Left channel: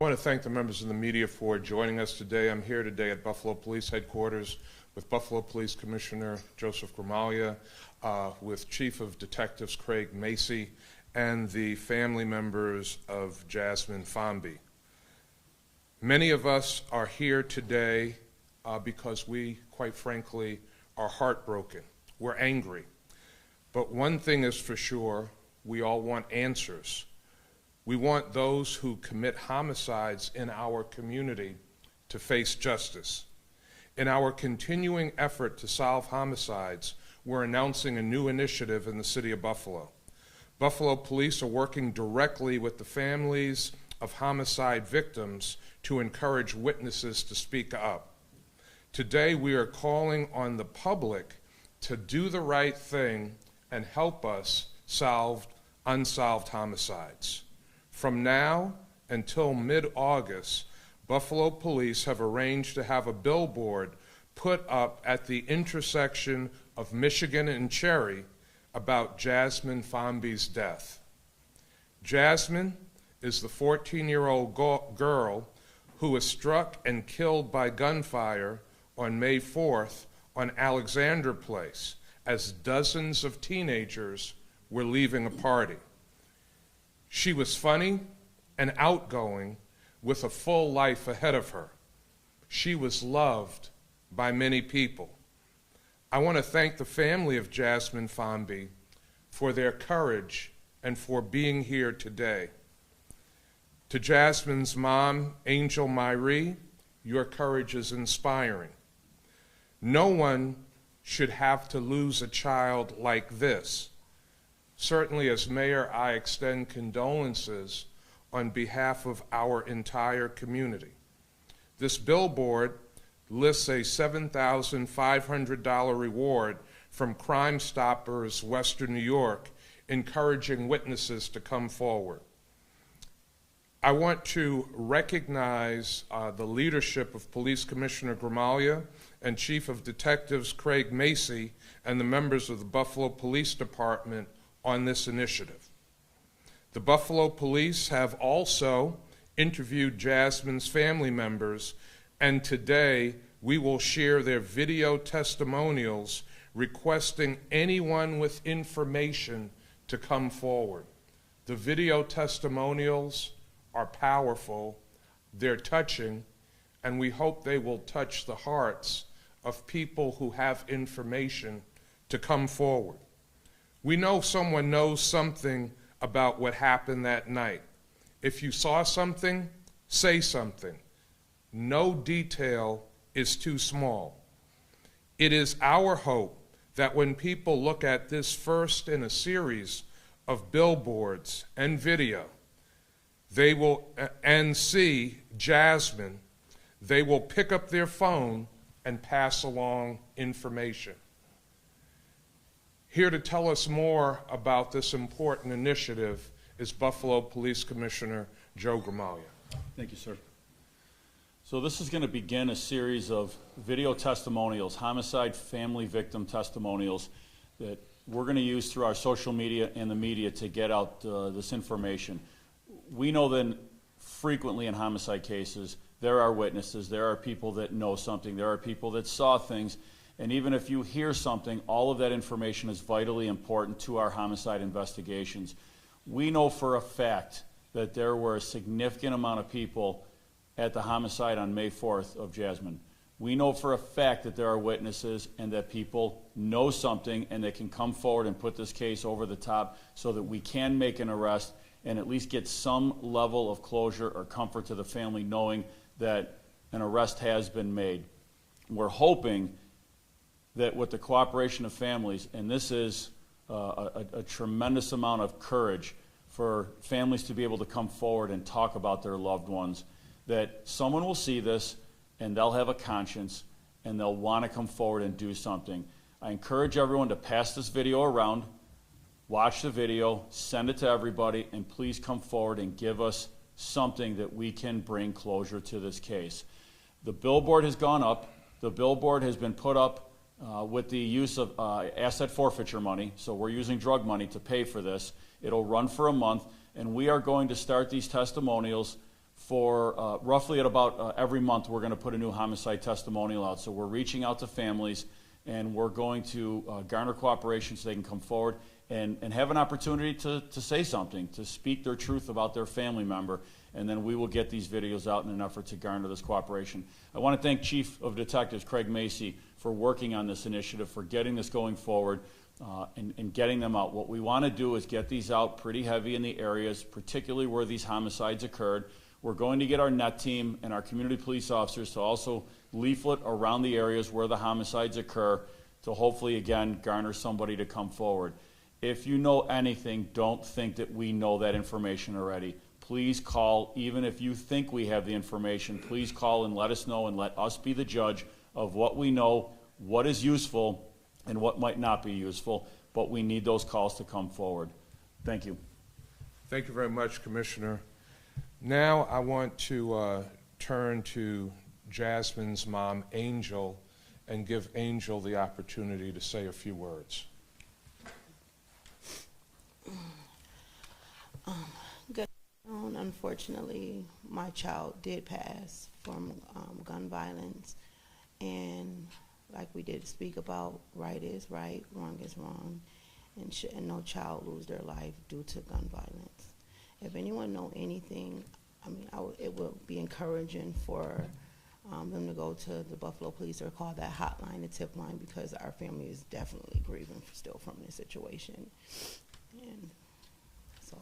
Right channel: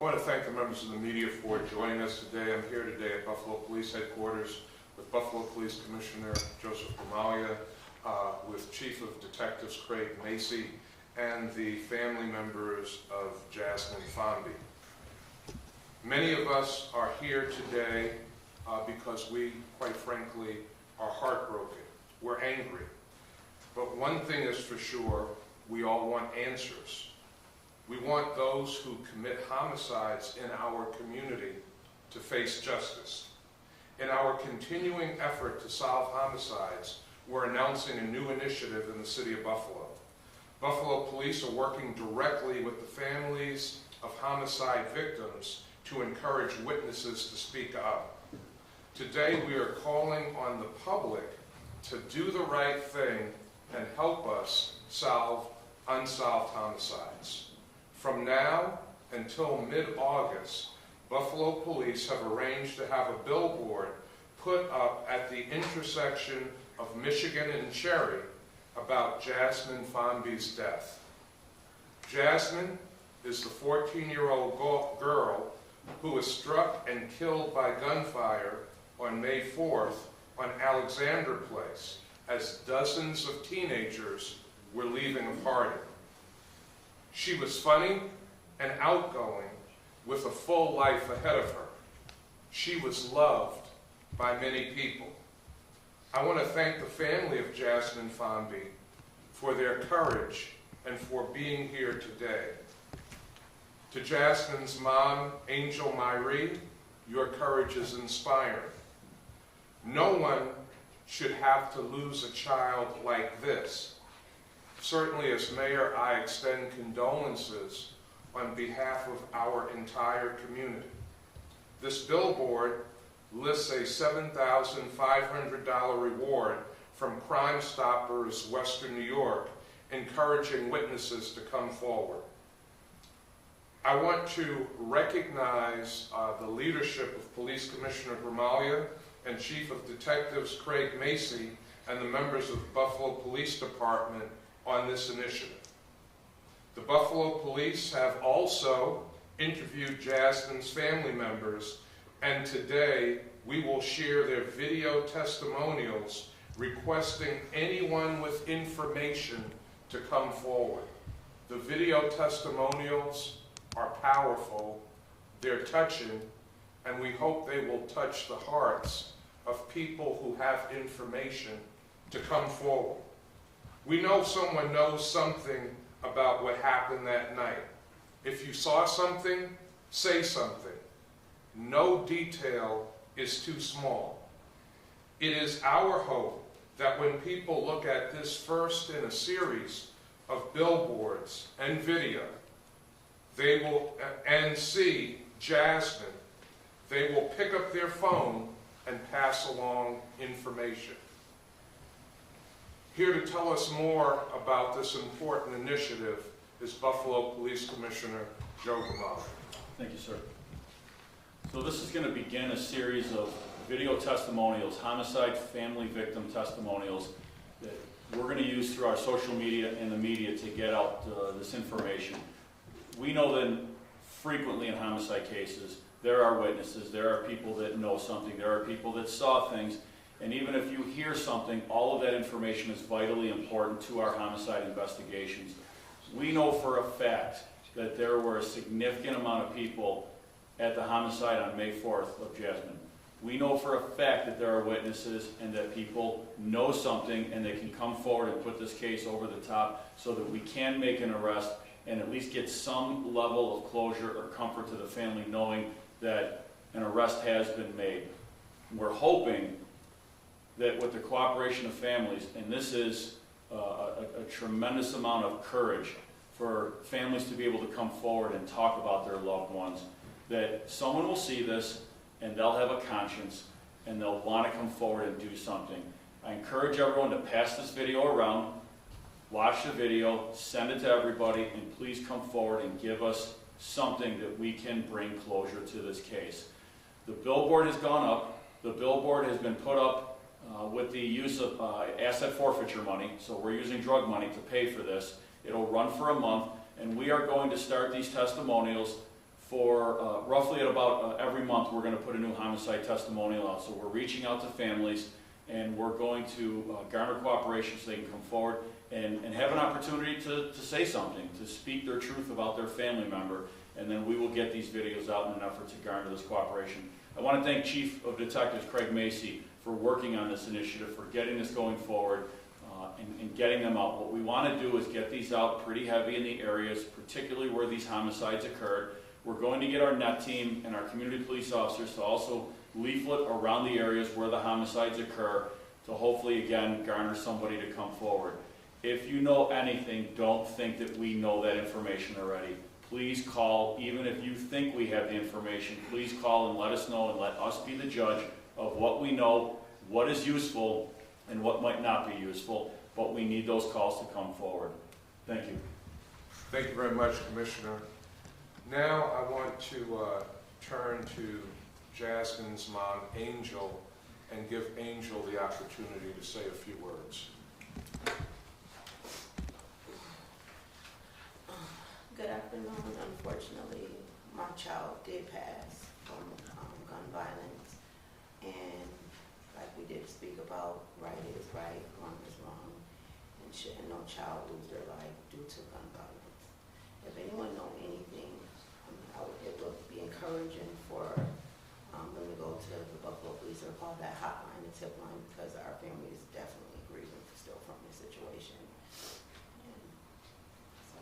I want to thank the members of the media for joining us today. I'm here today at Buffalo Police Headquarters with Buffalo Police Commissioner Joseph Gramaglia, with Chief of Detectives Craig Macy, and the family members of Jasmine Fonby. Many of us are here today because we, quite frankly, are heartbroken. We're angry. But one thing is for sure, we all want answers. We want those who commit homicides in our community to face justice. In our continuing effort to solve homicides, we're announcing a new initiative in the city of Buffalo. Buffalo Police are working directly with the families of homicide victims to encourage witnesses to speak up. Today, we are calling on the public to do the right thing and help us solve unsolved homicides. From now until mid-August, Buffalo Police have arranged to have a billboard put up at the intersection of Michigan and Cherry about Jasmine Fonby's death. Jasmine is the 14-year-old girl who was struck and killed by gunfire on May 4th on Alexander Place as dozens of teenagers were leaving a party. She was funny and outgoing with a full life ahead of her. She was loved by many people. I want to thank the family of Jasmine Fonby for their courage and for being here today. To Jasmine's mom, Angel Myrie, your courage is inspiring. No one should have to lose a child like this. Certainly, as mayor, I extend condolences on behalf of our entire community. This billboard lists a $7,500 reward from Crime Stoppers Western New York, encouraging witnesses to come forward. I want to recognize the leadership of Police Commissioner Gramaglia and Chief of Detectives Craig Macy and the members of the Buffalo Police Department on this initiative. The Buffalo Police have also interviewed Jasmine's family members, and today we will share their video testimonials requesting anyone with information to come forward. The video testimonials are powerful, they're touching, and we hope they will touch the hearts of people who have information to come forward. We know someone knows something about what happened that night. If you saw something, say something. No detail is too small. It is our hope that when people look at this first in a series of billboards and video, they will and see Jasmine, they will pick up their phone and pass along information. Here to tell us more about this important initiative is Buffalo Police Commissioner Joe Gramaglia. Thank you, sir. So this is going to begin a series of video testimonials, homicide family victim testimonials that we're going to use through our social media and the media to get out this information. We know that frequently in homicide cases, there are witnesses, there are people that know something, there are people that saw things, and even if you hear something, all of that information is vitally important to our homicide investigations. We know for a fact that there were a significant amount of people at the homicide on May 4th of Jasmine. We know for a fact that there are witnesses and that people know something and they can come forward and put this case over the top so that we can make an arrest and at least get some level of closure or comfort to the family knowing that an arrest has been made. We're hoping that with the cooperation of families, and this is a tremendous amount of courage for families to be able to come forward and talk about their loved ones, that someone will see this and they'll have a conscience and they'll want to come forward and do something. I encourage everyone to pass this video around, watch the video, send it to everybody, and please come forward and give us something that we can bring closure to this case. The billboard has gone up. The billboard has been put up with the use of asset forfeiture money, so we're using drug money to pay for this. It'll run for a month, and we are going to start these testimonials for roughly at about every month we're going to put a new homicide testimonial out. So we're reaching out to families, and we're going to garner cooperation so they can come forward and have an opportunity to say something, to speak their truth about their family member, and then we will get these videos out in an effort to garner this cooperation. I want to thank Chief of Detectives Craig Macy for working on this initiative, for getting this going forward, and getting them out. What we want to do is get these out pretty heavy in the areas, particularly where these homicides occurred. We're going to get our NET team and our community police officers to also leaflet around the areas where the homicides occur to hopefully, again, garner somebody to come forward. If you know anything, don't think that we know that information already. Please call, even if you think we have the information, please call and let us know, and let us be the judge of what we know, what is useful, and what might not be useful, but we need those calls to come forward. Thank you. Thank you very much, Commissioner. Now I want to turn to Jasmine's mom, Angel, and give Angel the opportunity to say a few words. Good afternoon. Unfortunately, my child did pass from gun violence, and like we did speak about, right is right, wrong is wrong, and no child lose their life due to gun violence. If anyone know anything, I mean, it would be encouraging for them to go to the Buffalo Police or call that hotline, the tip line, because our family is definitely grieving still from this situation. And so,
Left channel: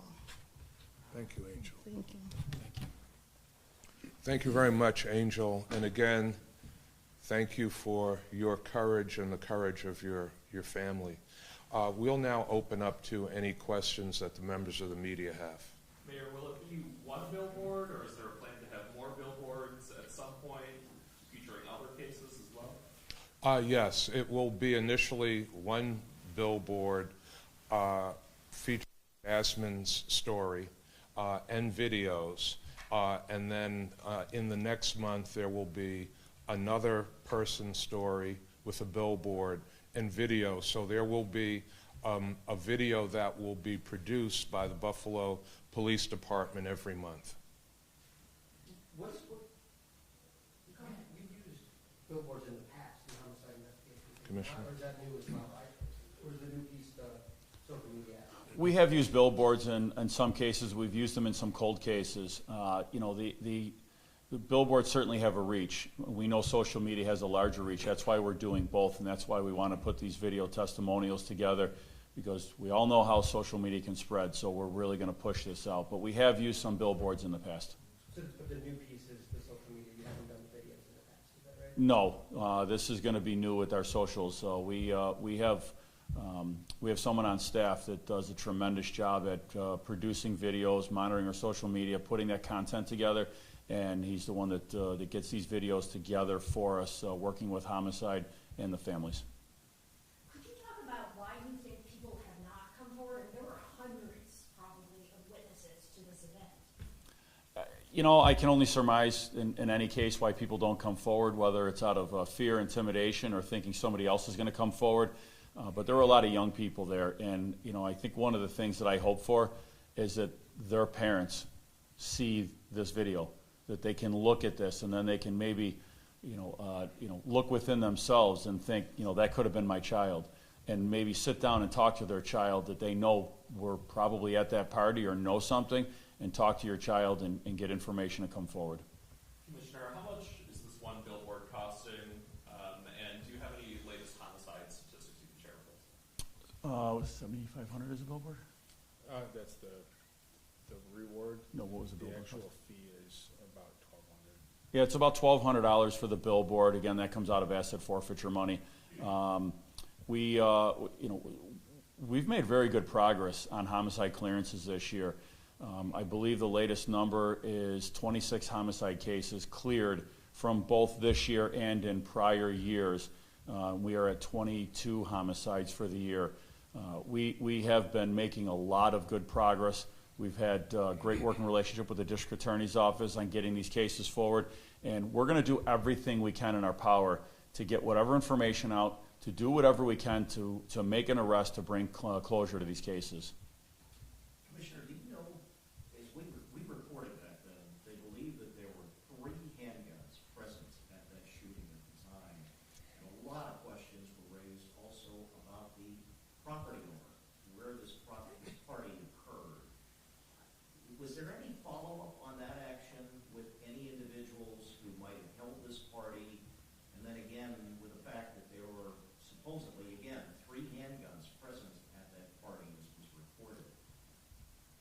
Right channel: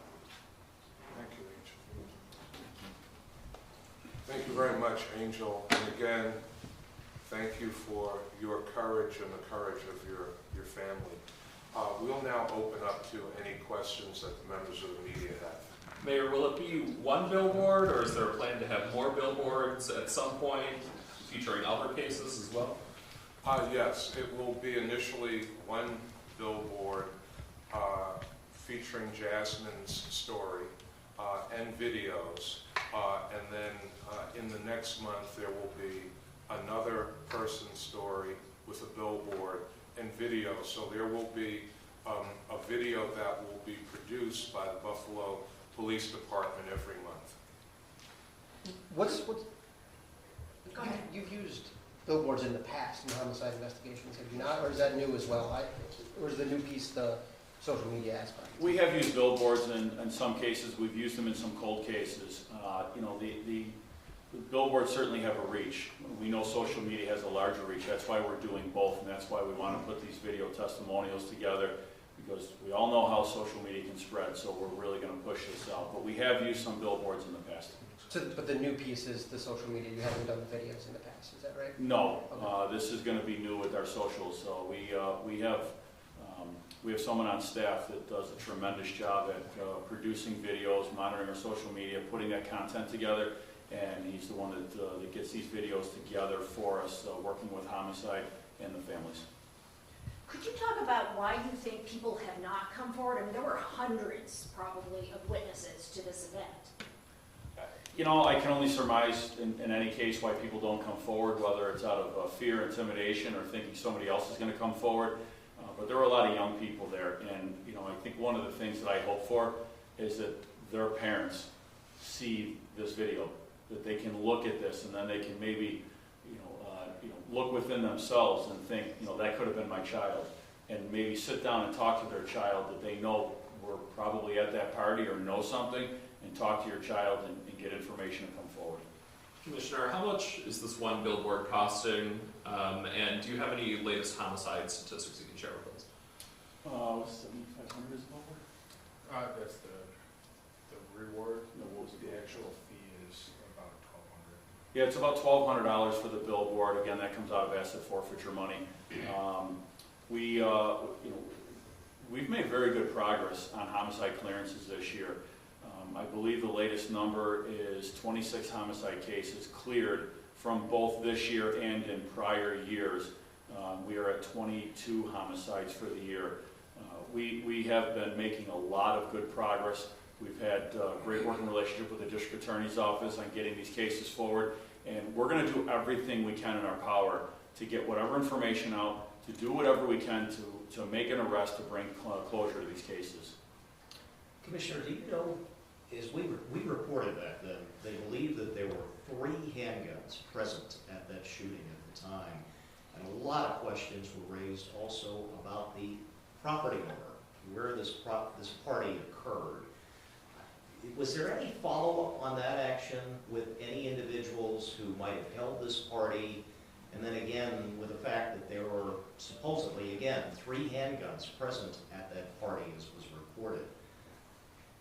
Thank you, Angel. thank you. Thank you very much, Angel. And again, thank you for your courage and the courage of your family. We'll now open up to any questions that the members of the media have. Mayor, will it be one billboard, or is there a plan to have more billboards at some point, featuring other cases as well? Yes, it will be initially one billboard featuring Jasmine's story and videos, and then in the next month there will be another person's story with a billboard and video. So there will be a video that will be produced by the Buffalo Police Department every month. You've used billboards in the past in homicide investigations, have you not, or is that new as well? Or is the new piece the social media aspect? We have used billboards, and in some cases we've used them in some cold cases. You know, the billboards certainly have a reach. We know social media has a larger reach. That's why we're doing both, and that's why we want to put these video testimonials together, because we all know how social media can spread, so we're really going to push this out. But we have used some billboards in the past. So, but the new piece is the social media, you haven't done videos in the past, is that right? No, this is going to be new with our socials. So we have someone on staff that does a tremendous job at producing videos, monitoring our social media, putting that content together, and he's the one that gets these videos together for us, working with homicide and the families. Could you talk about why you think people have not come forward? I mean, there were hundreds, probably, of witnesses to this event. You know, I can only surmise in any case why people don't come forward, whether it's out of fear, intimidation, or thinking somebody else is going to come forward. But there were a lot of young people there, and you know, I think one of the things that I hope for is that their parents see this video, that they can look at this, and then they can maybe, look within themselves and think, that could have been my child, and maybe sit down and talk to their child that they know were probably at that party or know something, and talk to your child and get information to come forward. Commissioner, how much is this one billboard costing, and do you have any latest homicide statistics you can share with us? What's 7,500 is it over? That's the reward. No, what was it? The actual fee is about $1,200. Yeah, it's about $1,200 for the billboard. Again, that comes out of asset forfeiture money. We've made very good progress on homicide clearances this year. I believe the latest number is 26 homicide cases cleared from both this year and in prior years. We are at 22 homicides for the year. We have been making a lot of good progress. We've had a great working relationship with the district attorney's office on getting these cases forward, and we're going to do everything we can in our power to get whatever information out, to do whatever we can to make an arrest, to bring closure to these cases. Commissioner, do you know, as we reported back then, they believe that property owner, where this party occurred, was there any follow-up on that action with any individuals who might have held this party? And then again, with the fact that there were supposedly, again, 3 handguns present at that party as was reported.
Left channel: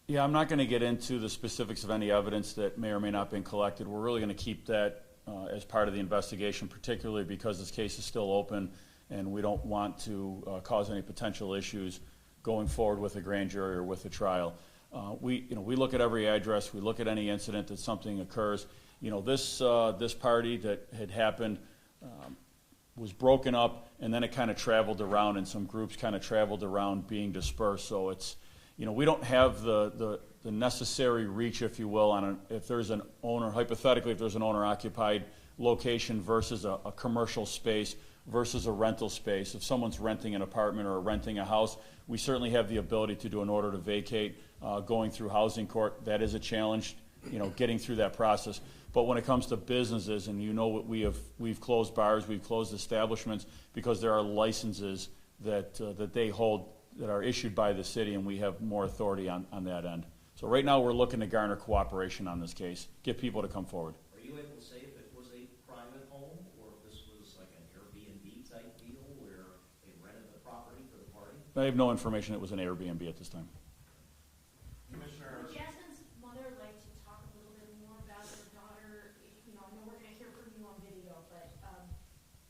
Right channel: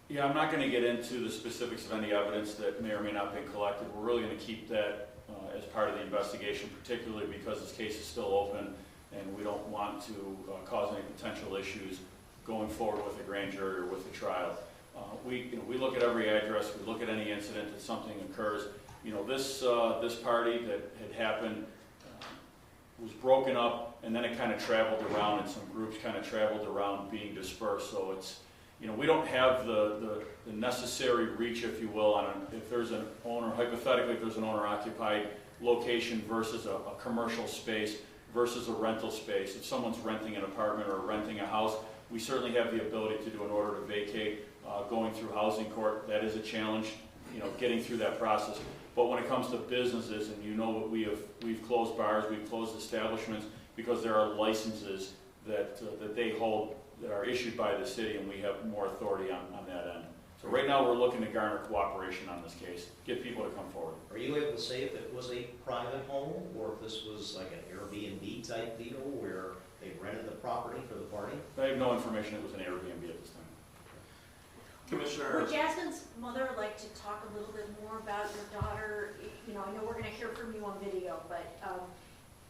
Yeah, I'm not going to get into the specifics of any evidence that may or may not have been collected. We're really going to keep that as part of the investigation, particularly because this case is still open and we don't want to cause any potential issues going forward with a grand jury or with a trial. We look at every address, we look at any incident that something occurs. This party that had happened was broken up, and then it kind of traveled around, and some groups kind of traveled around being dispersed. So it's, we don't have the necessary reach, if you will, on if there's an owner, hypothetically, if there's an owner-occupied location versus a commercial space versus a rental space. If someone's renting an apartment or renting a house, we certainly have the ability to do an order to vacate, going through housing court. That is a challenge, getting through that process. But when it comes to businesses, and we've closed bars, we've closed establishments because there are licenses that they hold that are issued by the city, and we have more authority on that end. So right now we're looking to garner cooperation on this case, get people to come forward. Are you able to say if it was a private home or if this was like an Airbnb type deal where they rented the property for the party? I have no information it was an Airbnb at this time. Commissioner, Would Jasmine's mother like to talk a little bit more about your daughter? I know we're gonna hear from you on video, but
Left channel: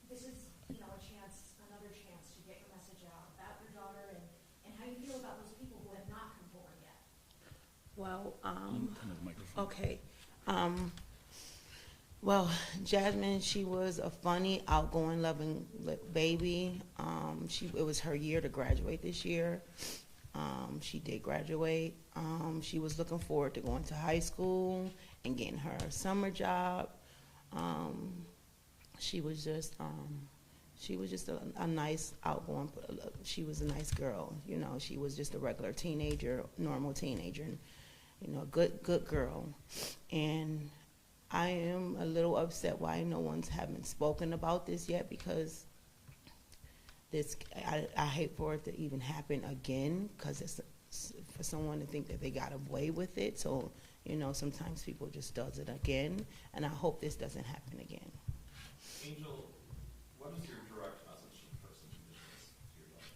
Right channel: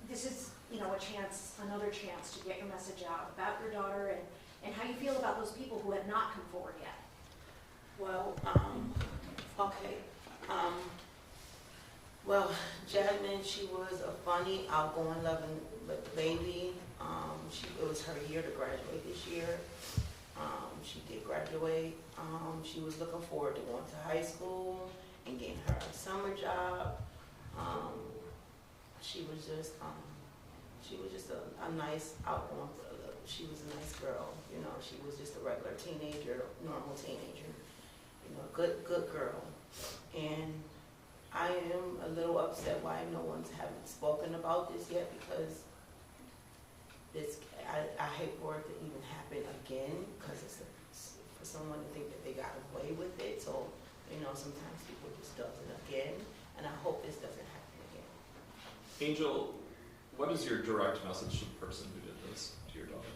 this is, another chance to get your message out about your daughter and how you feel about those people who have not come forward yet. Well, okay. Well, Jasmine, she was a funny, outgoing, loving baby. It was her year to graduate this year. She did graduate. She was looking forward to going to high school and getting her a summer job. She was just a nice, outgoing. She was a nice girl. She was just a regular teenager, normal teenager. Good girl. And I am a little upset why no one's haven't spoken about this yet, because I hate for it to even happen again, because it's for someone to think that they got away with it. So, sometimes people just does it again, and I hope this doesn't happen again. Angel, what is your direct message to the person who did this to your daughter?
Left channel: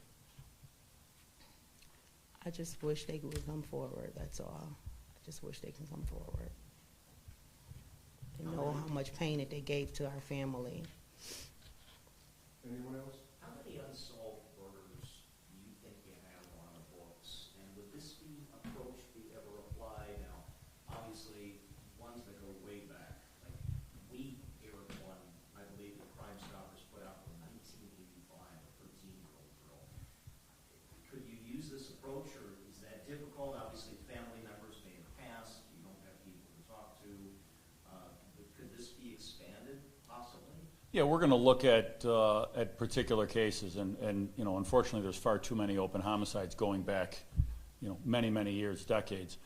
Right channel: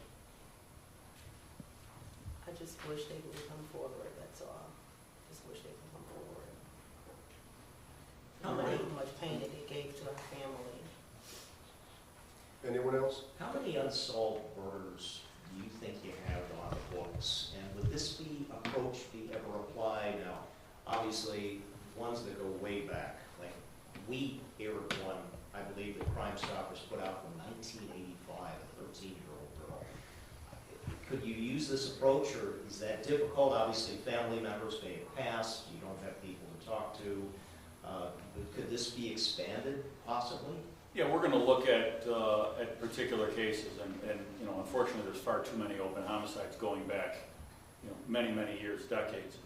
I just wish they would come forward, that's all. I just wish they could come forward. How much pain that they gave to our family. Anyone else? How many unsolved murders do you think you have on the books? And would this approach be ever applied? Now, obviously, ones that go way back, like we aired one, I believe the Crime Stoppers put out in 1985, a 13-year-old girl. Could you use this approach, or is that difficult? Obviously, family members may have passed, you don't have people to talk to. Could this be expanded, possibly? Yeah, we're going to look at particular cases, and unfortunately, there's far too many open homicides going back, many years, decades.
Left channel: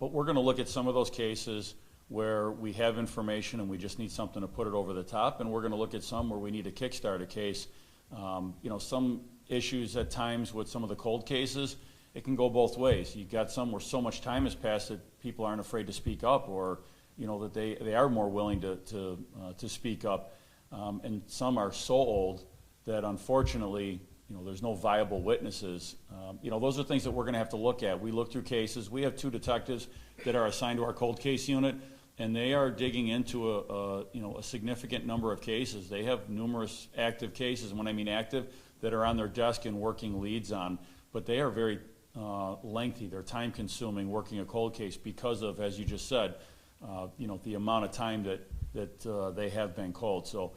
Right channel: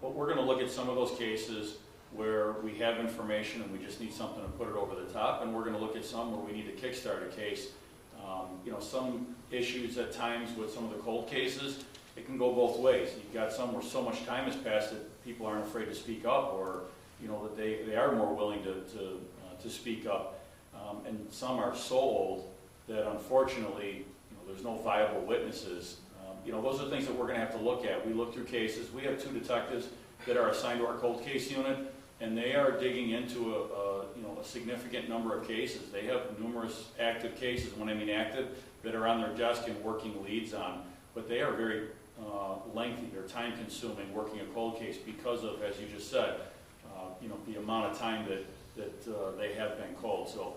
But we're going to look at some of those cases where we have information and we just need something to put it over the top, and we're going to look at some where we need to kickstart a case. Some issues at times with some of the cold cases, it can go both ways. You've got some where so much time has passed that people aren't afraid to speak up, or that they are more willing to speak up. And some are so old that unfortunately, there's no viable witnesses. Those are things that we're going to have to look at. We look through cases. We have 2 detectives that are assigned to our cold case unit, and they are digging into a significant number of cases. They have numerous active cases, and when I mean active, that are on their desk and working leads on. But they are very lengthy. They're time-consuming working a cold case because of, as you just said, the amount of time that they have been cold. So,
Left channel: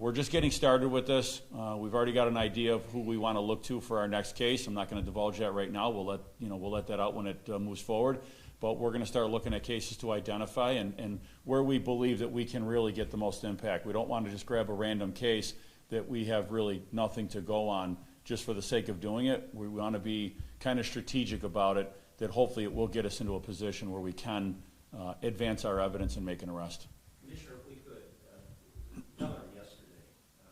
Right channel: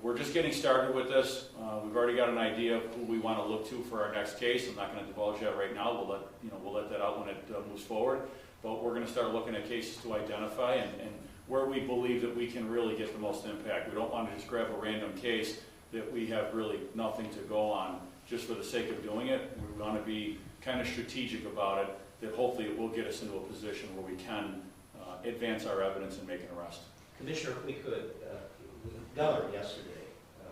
we're just getting started with this. We've already got an idea of who we want to look to for our next case. I'm not going to divulge that right now. We'll let that out when it moves forward. But we're going to start looking at cases to identify and where we believe that we can really get the most impact. We don't want to just grab a random case that we have really nothing to go on just for the sake of doing it. We want to be kind of strategic about it, that hopefully it will get us into a position where we can advance our evidence and make an arrest. Commissioner, if we could, we got her yesterday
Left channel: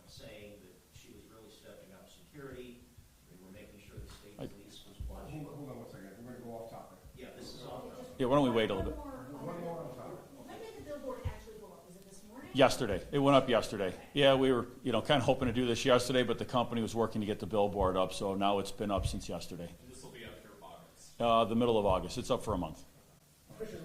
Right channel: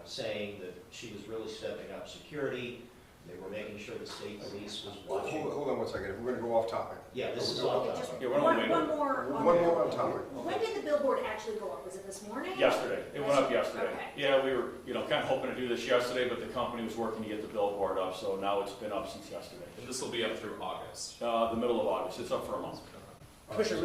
saying that she was really stepping up security, They were making sure the state police was Hold watching. hold on one second, if we're gonna go off topic. Yeah, this is all. Okay, just Yeah, why don't we wait one on it? more on One the more on billboard. topic. When did the billboard actually go up? Was it this morning? Yesterday. It went up yesterday. Okay. Yeah, we were, kind of hoping to do this yesterday, but the company was working to get the billboard up, so now it's been up since yesterday. And this will be up through August. The middle of August. It's up for a month. Commissioner,